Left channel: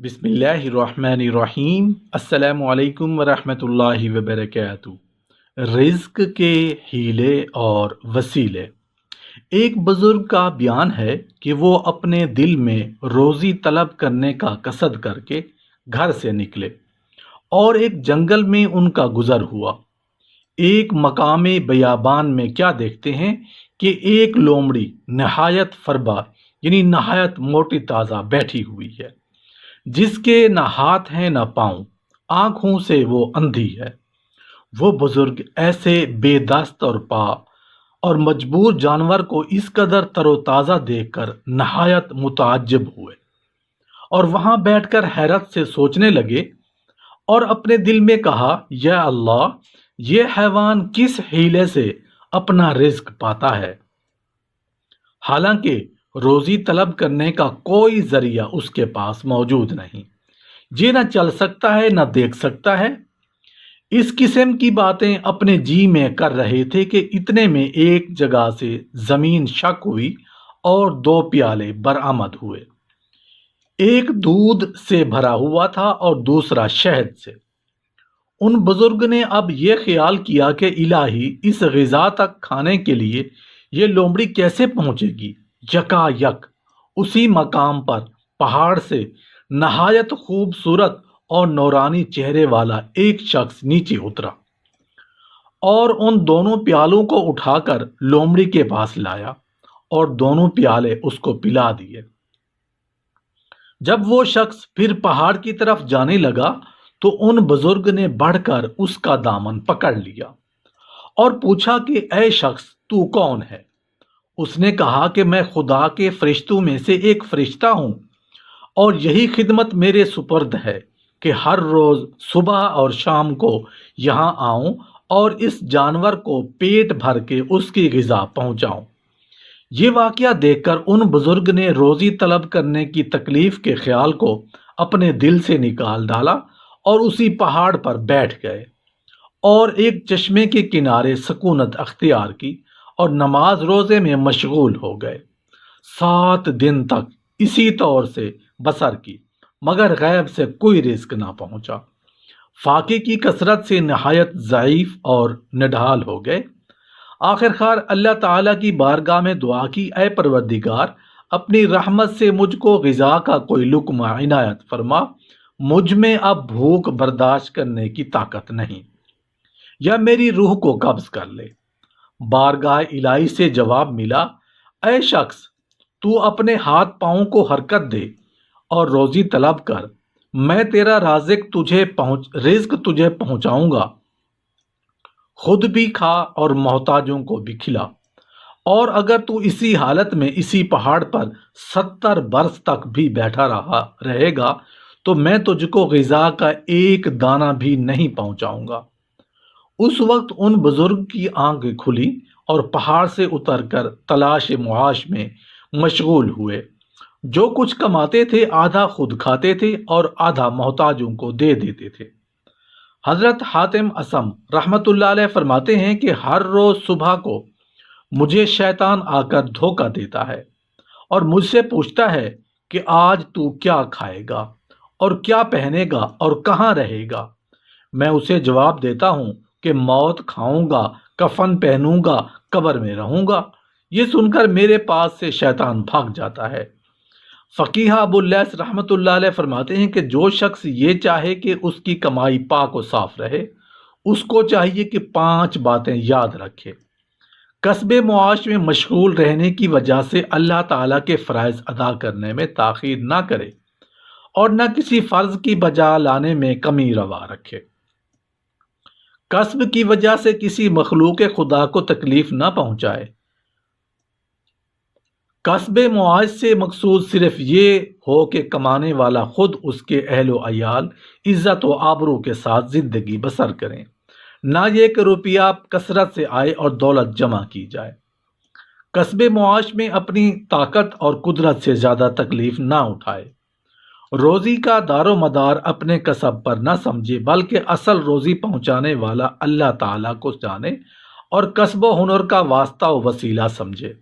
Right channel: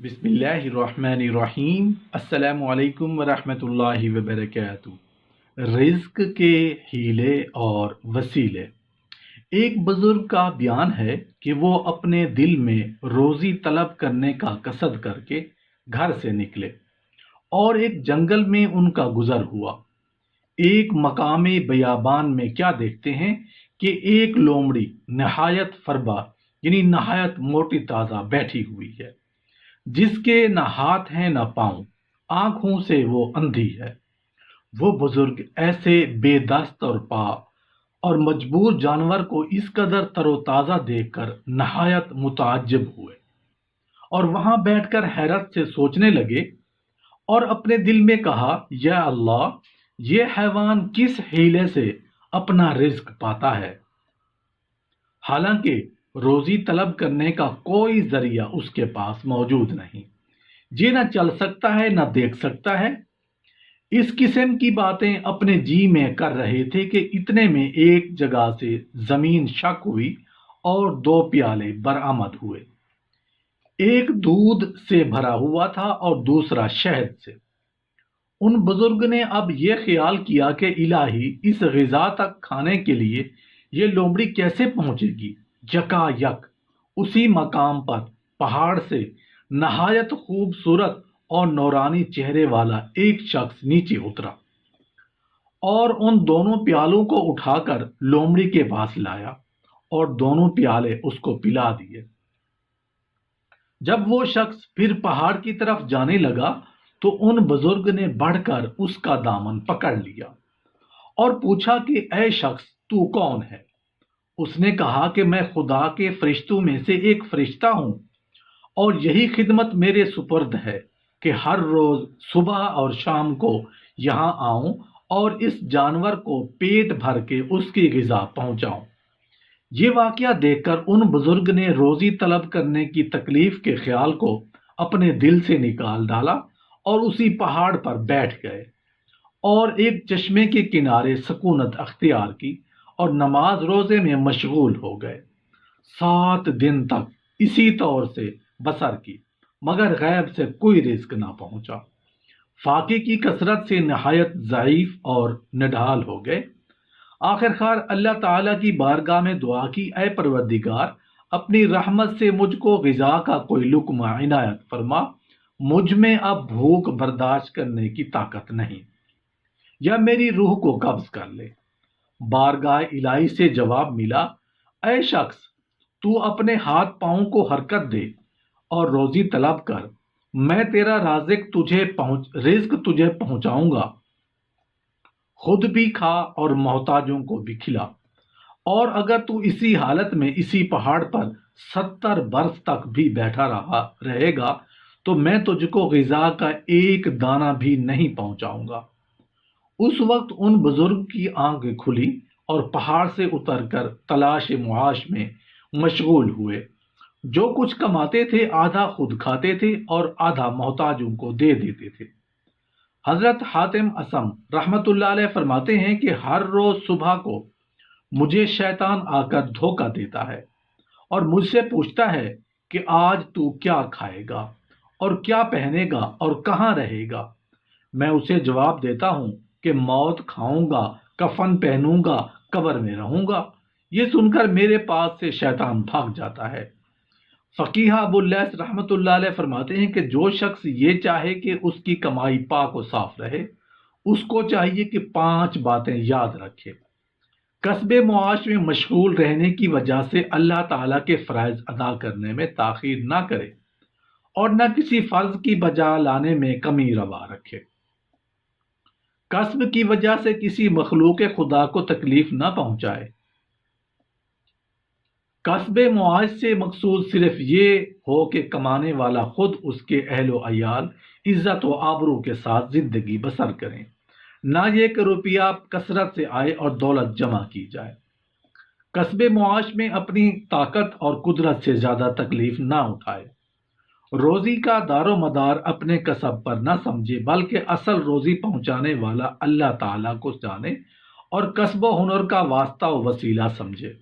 بسم اللہ الرحمن الرحیم۔ السلام علیکم ورحمۃ اللہ وبرکاتہ۔ رزق کے ہیلے اور وسیلے۔ ایک بزرگ کا بیان ہے کہ وہ اپنے دل میں روزی طلب کرنے کا قصد کر کے گھر سے نکلے اور ایک جنگل میں ان کا گزر ہوا۔ ایک مقام بیابان میں کیا دیکھتے ہیں کہ ایک لومڑی نہایت فربا یعنی نہایت موٹی تازہ بیٹھی ہوئی ہے، جس کے نہ ہاتھ ہیں نہ پاؤں، آنکھوں سے وہ اندھی ہے۔ وہ بزرگ ایسے بے دست اور پا اور مجبور جانور کو اس قدر تر و تازہ دیکھ کر نہایت متعجب ہوئے اور وہاں بیٹھ کر حیرت سے سوچنے لگے اور اپنے دل میں کہا، یا اللہ، یہ حیوان کس ہیلے سے اپنا رزق پاتا ہے؟ حالانکہ روزی طلب کرنے کا کوئی ذریعہ اس کے پاس موجود نہیں، یہ نہ چل سکتا ہے نہ دیکھ سکتا ہے۔ اس قسم کی باتیں اپنے جی میں کر رہے تھے کہ اتنے میں ایک جگہ سے زمین شق ہوئی اور دو پیالے برآمد ہوئے۔ ایک دودھ سے بھرا ہوا تھا اور دوسرا شہد سے۔ ان بزرگ نے اب یہ خیال کیا کہ الہی، اس غذا تک کھانے کے لیے یہ لومڑی کیسے پہنچے گی؟ یکا یک اسی مقام پر پہاڑ سے نہایت خوبصورت اور نورانی چہرے والا ایک شخص نیچے اترا اور ان دونوں پیالوں کو اٹھا کر لومڑی کے پاس لایا اور دونوں پیالے اس کو پلا دیے۔ جب وہ شخص پھر پہاڑ کی طرف جانے لگا تو ان بزرگ نے بڑھ کر اس کا دامن پکڑ لیا اور پوچھا کہ اے شخص، تو کون ہے؟ اس نے کہا کہ میں خدا کے فرشتوں میں سے ایک فرشتہ ہوں اور یہی خدمت میرے سپرد ہے کہ ہر روز صبح اور شام کو یہاں آؤں اور اس جانور کو پیٹ بھر کے اس کی غذا پہنچاؤں۔ یہ واقعہ دیکھ کر ان بزرگ نے روزی طلب کرنے کی تکلیف کے خیال کو اپنے دل سے نکال ڈالا اور اسی پہاڑ پر بیٹھ گئے اور ایک چشمے کے کنارے سکونت اختیار کی اور نماز روزے میں مشغول ہو گئے۔ 7 دن تک اسی طور سے بسر کی، مگر غیب سے کوئی رزق نہ پہنچا۔ فاقے کی کثرت سے نہایت ضعیف اور نڈھال ہو گئے۔ آخر کار اللہ تعالیٰ کی بارگاہ میں دعا کی، اے پروردگار، اپنی رحمت سے مجھ کو غذا کا کوئی لقمہ عنایت فرما، مجھ میں اب بھوک برداشت کرنے کی طاقت نہیں، یا میری روح کو قبض کر لے۔ بارگاہ الہی سے جواب ملا، اے شخص، تو اپنے ہاتھ پاؤں کو حرکت دے اور روزی طلب کر، میں تیرا رزق تجھے پہنچاؤں گا۔ خود بھی کھا اور محتاجوں کو بھی کھلا، اور اگر تو اسی حالت میں اسی پہاڑ پر 70 برس تک بھی بیٹھا رہے گا تو میں تجھ کو غذا کا ایک دانہ بھی نہیں پہنچاؤں گا۔ اس وقت ان بزرگ کی آنکھیں کھلی اور پہاڑ سے اتر کر تلاش معاش میں مشغول ہوئے۔ جو کچھ کماتے تھے آدھا خود کھاتے تھے اور آدھا محتاجوں کو دے دیتے تھے۔ حضرت حاتم اصم رحمت اللہ علیہ فرماتے ہیں کہ ہر روز صبح کو مجھے شیطان آ کر دھوکہ دیتا ہے اور مجھ سے پوچھتا ہے کہ آج تو کیا کھائے گا اور کیا پہنے گا اور کہاں رہے گا؟ میں اسے جواب دیتا ہوں کہ موت کھاؤں گا، کفن پہنوں گا، قبر میں رہوں گا۔ یہ سن کر میرے پاس سے شیطان بھاگ جاتا ہے۔ فقیہ ابو اللیث رحمت اللہ علیہ فرماتے ہیں کہ جو شخص یہ چاہے کہ اس کی کمائی پاک و صاف رہے، اس کو چاہیے کہ 5 باتیں یاد رکھے۔ کسب معاش میں مشغول رہنے کی وجہ سے اللہ تعالیٰ کے فرائض ادا کرنے میں تاخیر نہ کرے اور نہ کسی فرض کی بجا لانے میں کمی روا رکھے۔ کسب کی وجہ سے کسی مخلوق خدا کو تکلیف نہ پہنچائے۔ کسب معاش سے مقصود صرف یہ ہو کہ کمانے والا خود اس کے اہل و عیال عزت و آبرو کے ساتھ زندگی بسر کریں، نہ یہ کہ روپیہ کثرت سے آئے اور دولت جمع کی جائے۔ کسب معاش میں اپنی طاقت اور قدرت سے زیادہ تکلیف نہ اٹھائے۔ روزی کا دار و مدار اپنے کسب پر نہ سمجھے، بلکہ اصل روزی پہنچانے والا اللہ تعالیٰ کو جانے اور کسب و ہنر کا واسطہ و وسیلہ سمجھے۔